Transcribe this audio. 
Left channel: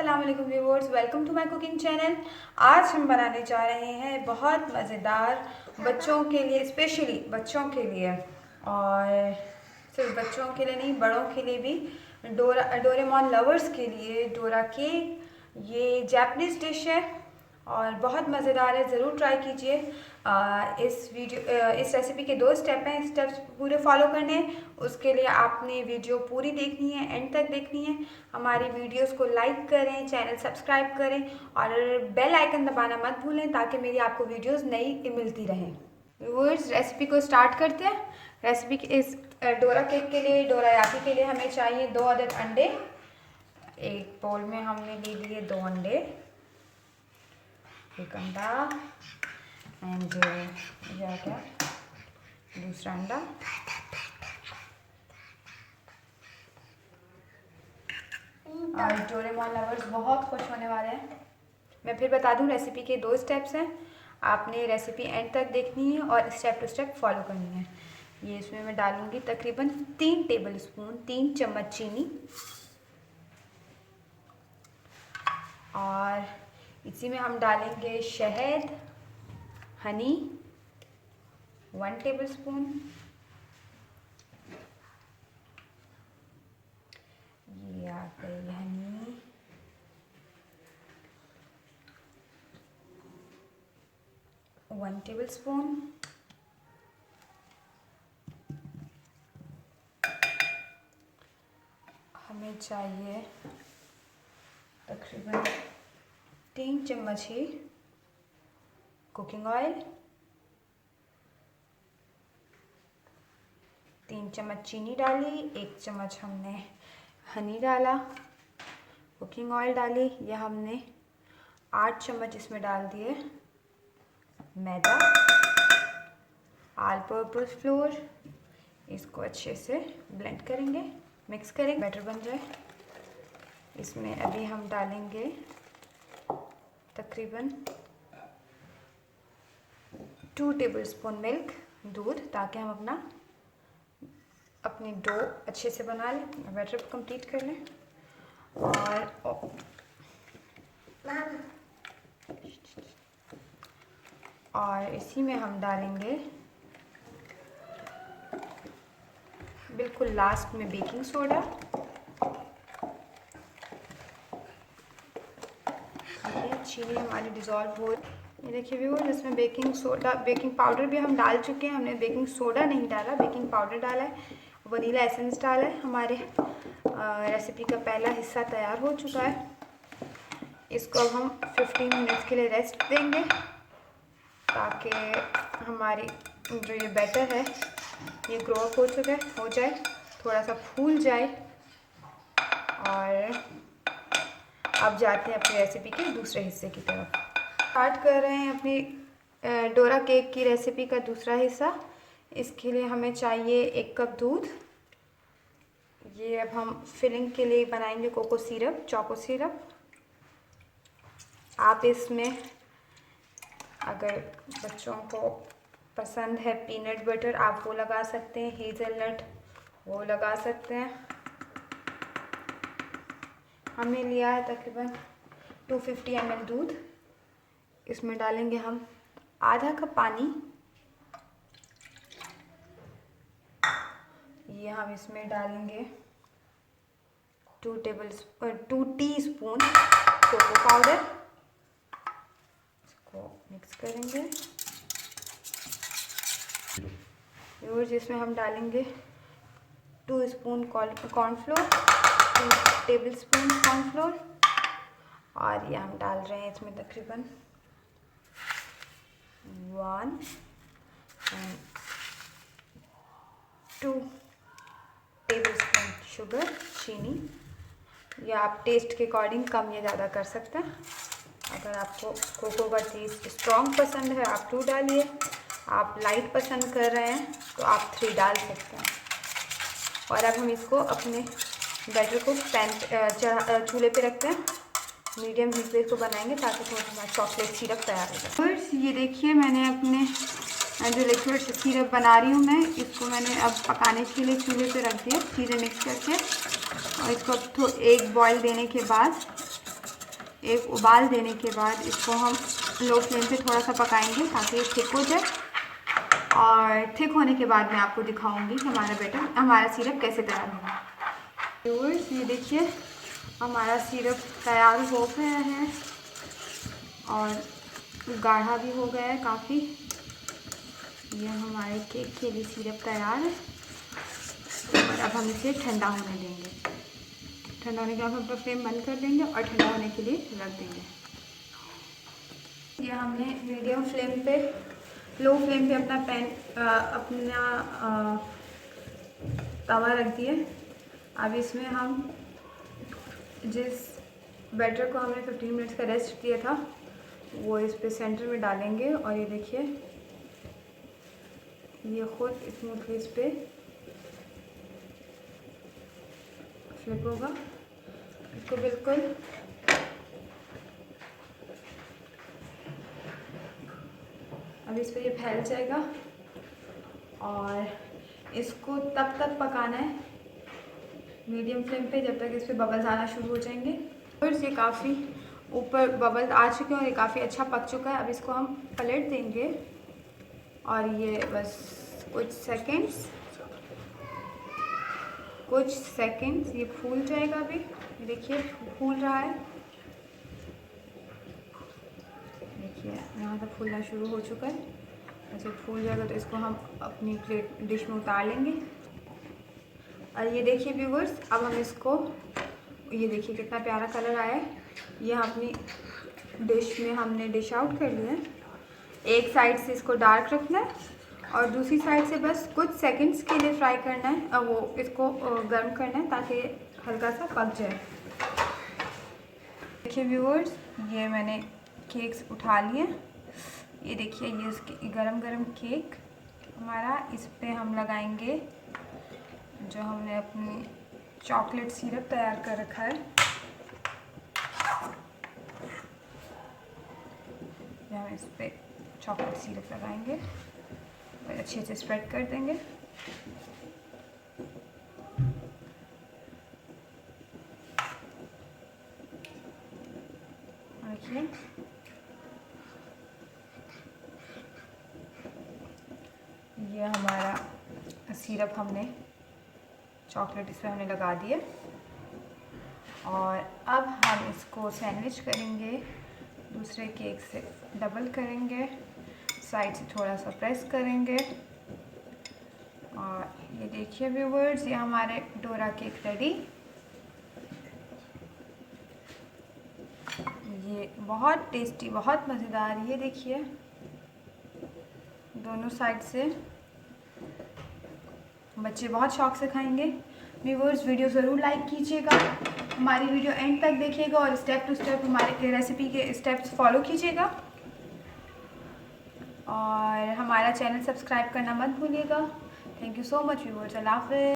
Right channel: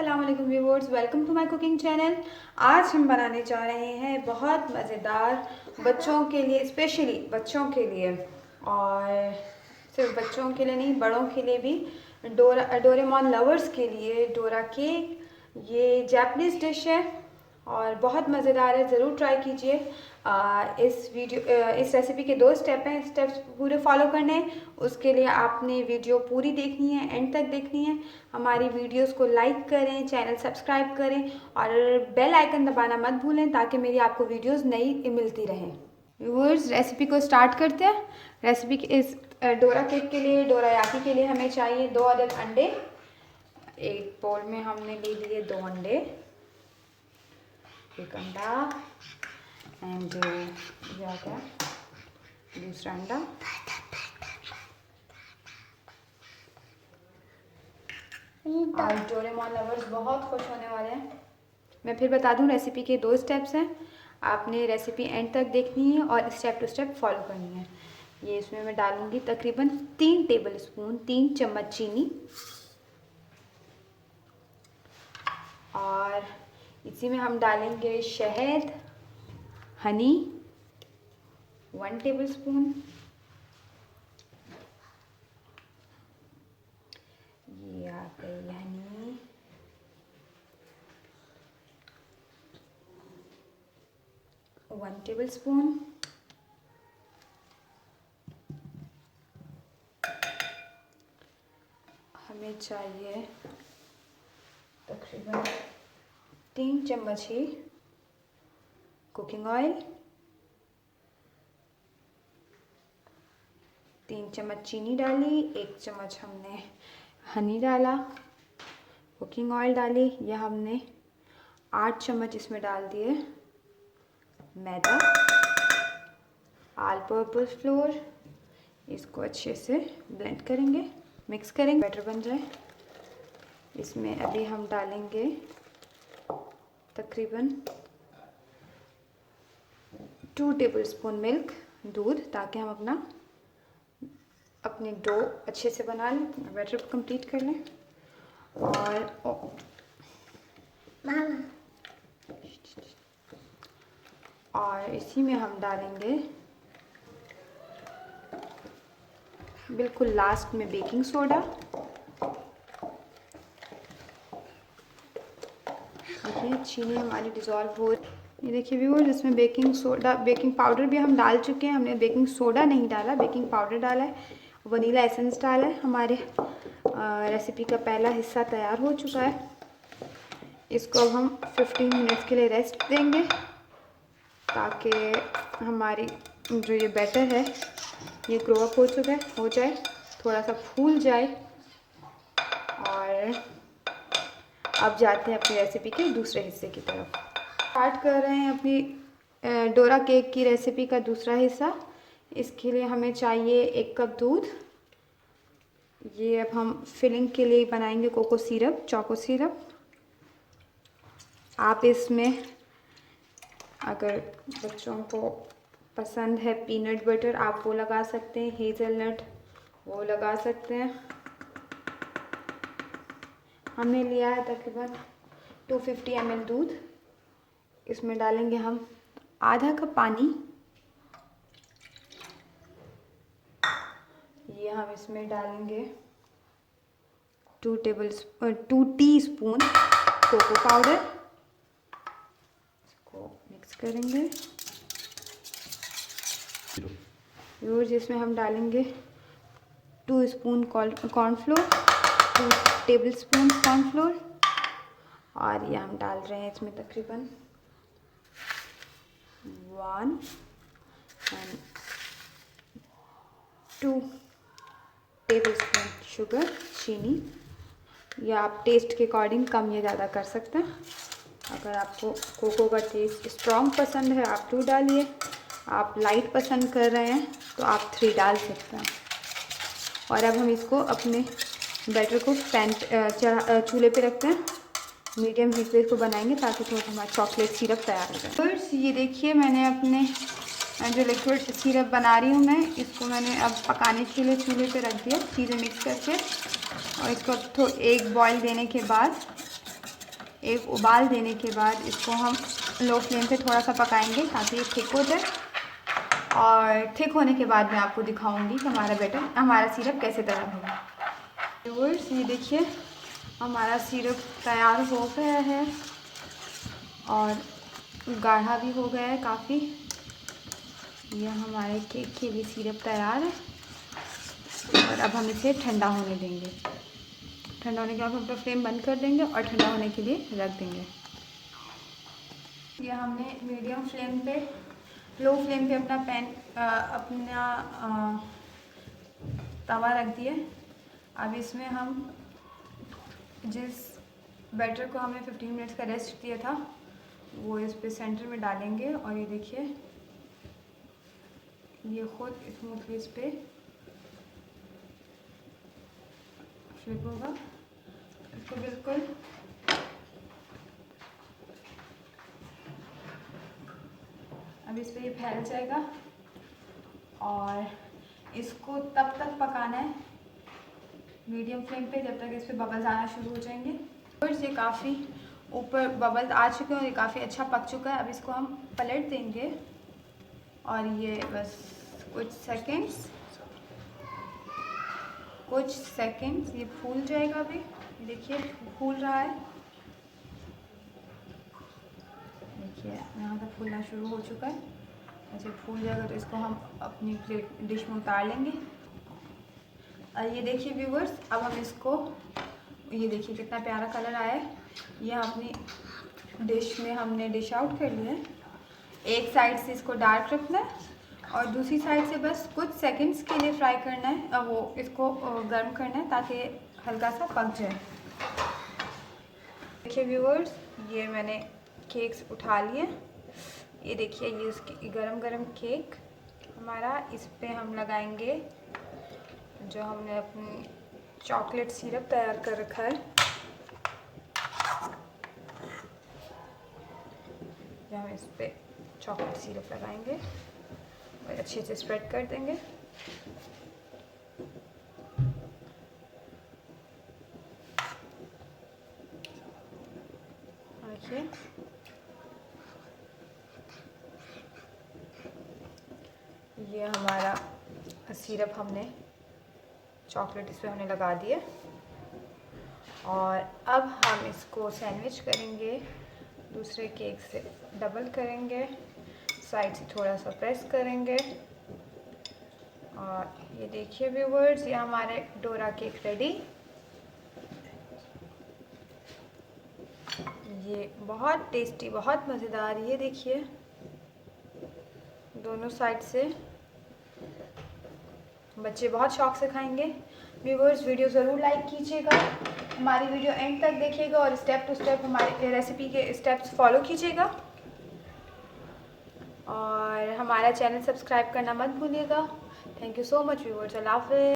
अस्सलाम वालेकुम viewers, welcome to my cooking channel. आज हम बनाने जा रहे हैं बहुत मज़ेदार बच्चों के लिए, स्पेशली बच्चों के लिए और सिर्फ बच्चों के लिए नहीं, बड़ों के लिए भी, डोरेमोन लवर्स के लिए डोरा केक। ये जापानीज़ डिश है और बहुत मज़ेदार है, ज़रूर ट्राई कीजिए। इस रेसिपी के 2 स्टेप हैं, स्टेप्स पूरे फॉलो करने हैं। उसके लिए आपने वीडियो पूरी देखनी है, एंड तक देखनी है। हमारी वीडियोस को लाइक करें, चैनल सब्सक्राइब करें और बेल आइकन दबाना मत भूलें ताकि मेरी आपको वीडियोस नई मिलती रहें। व्यूअर्स, रेसिपी को स्टार्ट करते हैं। रेसिपी के इस डोरा केक के लिए, डोरायाकी के लिए हमें चाहिए 2 अदद अंडे। एक बोल में हमने ले लिए 2 अंडे, एक अंडा एंड क्या दूसरा अंडा। और डोरेमोन लवर्स बहुत खुश होने वाले हैं। मैं फिर बता दूं, रेसिपी के 2 स्टेप्स हैं, आपने रेसिपी एंड तक देखनी है और स्टेप टू स्टेप फॉलो करनी है। ये इसमें मैं डालूंगी तकरीबन 3 टेबल स्पून, 3 चम्मच चीनी, और इसी में हम डालेंगे शहद, हनी 1 टेबल स्पून, ये आ गई हनी, वन टेबल स्पून, हमें चाहिए तकरीबन 3 चम्मच ही कुकिंग ऑयल, 3 चम्मच चीनी डाली, 1 चम्मच हमने हनी डाला, कुकिंग ऑयल डाली। यह हमने 8 चम्मच इसमें डाल दिए मैदा, ऑल पर्पस फ्लोर। इसको अच्छे से ब्लेंड करेंगे, मिक्स करेंगे, बैटर बन जाए। इसमें अभी हम डालेंगे तकरीबन 2 टेबल स्पून मिल्क, दूध, ताकि हम अपनी डो अच्छे से बना लें, बैटर कंप्लीट कर लें। और इसी में हम डालेंगे बिल्कुल लास्ट में बेकिंग सोडा। देखिए चीनी हमारी डिज़ोल्व हो, ये देखिए व्यूअर्स, इसमें बेकिंग सोडा, बेकिंग पाउडर भी हम डाल चुके हैं। हमने बेकिंग सोडा नहीं डाला, बेकिंग पाउडर डाला है, वनीला एसेंस डाला है। हमारे रेसिपी का पहला हिस्सा तैयार हो चुका है। इसको अब हम 15 मिनट्स के लिए रेस्ट देंगे ताकि हमारी जो ये बैटर है ये ग्रो अप हो जाए, थोड़ा सा फूल जाए। और अब जाते हैं अपनी रेसिपी के दूसरे हिस्से की तरफ। स्टार्ट कर रहे हैं अपनी डोरा केक की रेसिपी का दूसरा हिस्सा। इसके लिए हमें चाहिए 1 कप दूध। ये अब हम फिलिंग के लिए बनाएंगे कोको सिरप, चोको सिरप। आप इसमें अगर बच्चों को पसंद है पीनट बटर, आप वो लगा सकते हैं, हेज़लनट वो लगा सकते हैं। हमने लिया है तकरीबन 250 ml दूध। इसमें डालेंगे हम आधा कप पानी। ये हम इसमें डालेंगे 2 टीस्पून कोको पाउडर। इसको मिक्स करेंगे। और जिसमें हम डालेंगे 2 spoon cornflour, 2 table spoon cornflour, और ये हम डाल रहे हैं इसमें तकरीबन 1 और 2 टेबल स्पून शुगर, चीनी। या आप टेस्ट के अकॉर्डिंग कम या ज़्यादा कर सकते हैं। अगर आपको कोको का टेस्ट स्ट्रॉन्ग पसंद है आप 2 डालिए, आप लाइट पसंद कर रहे हैं तो आप 3 डाल सकते हैं। और अब हम इसको अपने बैटर को चूल्हे पे रखते हैं, मीडियम हीट पे इसको बनाएंगे ताकि थोड़ा हमारा चॉकलेट सिरप तैयार हो जाए। बस ये देखिए, मैंने अपने जो लिक्विड सिरप बना रही हूँ मैं, इसको मैंने अब पकाने के लिए चूल्हे पे रख दिया चीज़ें मिक्स करके। और इसको अब एक बॉईल देने के बाद एक उबाल देने के बाद इसको हम लो फ्लेम पे थोड़ा सा पकाएंगे ताकि ये थिक हो जाए। और थिक होने के बाद मैं आपको दिखाऊंगी कि हमारा सिरप कैसे तैयार होगा। तो ये देखिए हमारा सिरप तैयार हो गया है और गाढ़ा भी हो गया है काफ़ी। यह हमारे केक के लिए सिरप तैयार है और अब हम इसे ठंडा होने देंगे। ठंडा होने के बाद हम अपना फ्लेम बंद कर देंगे और ठंडा होने के लिए रख देंगे। यह हमने मीडियम फ्लेम पे लो फ्लेम पे अपना तवा रख दिया। अब इसमें हम जिस बैटर को हमने 15 मिनट्स का रेस्ट किया था वो इस पे सेंटर में डालेंगे और ये देखिए ये खुद स्मूथली इस पे फ्लिप होगा। इसको बिल्कुल अब इस पे ये फैल जाएगा और इसको तब तक पकाना है मीडियम फ्लेम पे जब तक इस पे बबल्स आना शुरू हो जाएंगे। और ये काफ़ी ऊपर बबल्स आ चुके हैं और ये काफ़ी अच्छा पक चुका है। अब इसको हम पलट देंगे और ये बस कुछ सेकंड्स ये फूल जाएगा। अभी देखिए फूल रहा है, देखिए यहाँ तक फूलना शुरू हो चुका है। ऐसे फूल जाएगा तो इसको हम अपनी प्लेट डिश में उतार लेंगे। और ये देखिए व्यूवर्स अब हम इसको ये देखिए कितना प्यारा कलर आया है। ये अपनी डिश में हमने डिश आउट कर लिया है। एक साइड से इसको डार्क रखना है और दूसरी साइड से बस कुछ सेकंड्स के लिए फ्राई करना है और वो इसको गर्म करना है ताकि हल्का सा पक जाए। देखिए व्यूवर्स ये मैंने केक्स उठा लिए। ये देखिए ये इसकी गरम गरम केक हमारा। इस पे हम लगाएंगे जो हमने अपनी चॉकलेट सिरप तैयार कर रखा है। हम इस पे चॉकलेट सिरप लगाएंगे और अच्छे से स्प्रेड कर देंगे। देखिए ये हमारा सिरप हमने चॉकलेट इस पे हमने लगा दिए और अब हम इसको सैंडविच करेंगे। दूसरे केक से डबल करेंगे, साइड से थोड़ा सा प्रेस करेंगे और ये देखिए व्यूवर्स ये हमारे डोरा केक रेडी। ये बहुत टेस्टी बहुत मज़ेदार। ये देखिए दोनों साइड से बच्चे बहुत शौक से खाएंगे। व्यूवर्स वीडियो ज़रूर लाइक कीजिएगा, हमारी वीडियो एंड तक देखिएगा और स्टेप टू स्टेप हमारे रेसिपी के स्टेप्स फॉलो कीजिएगा और हमारा चैनल सब्सक्राइब करना मत भूलिएगा। Thank you so much viewers. अल्लाह हाफ़िज़।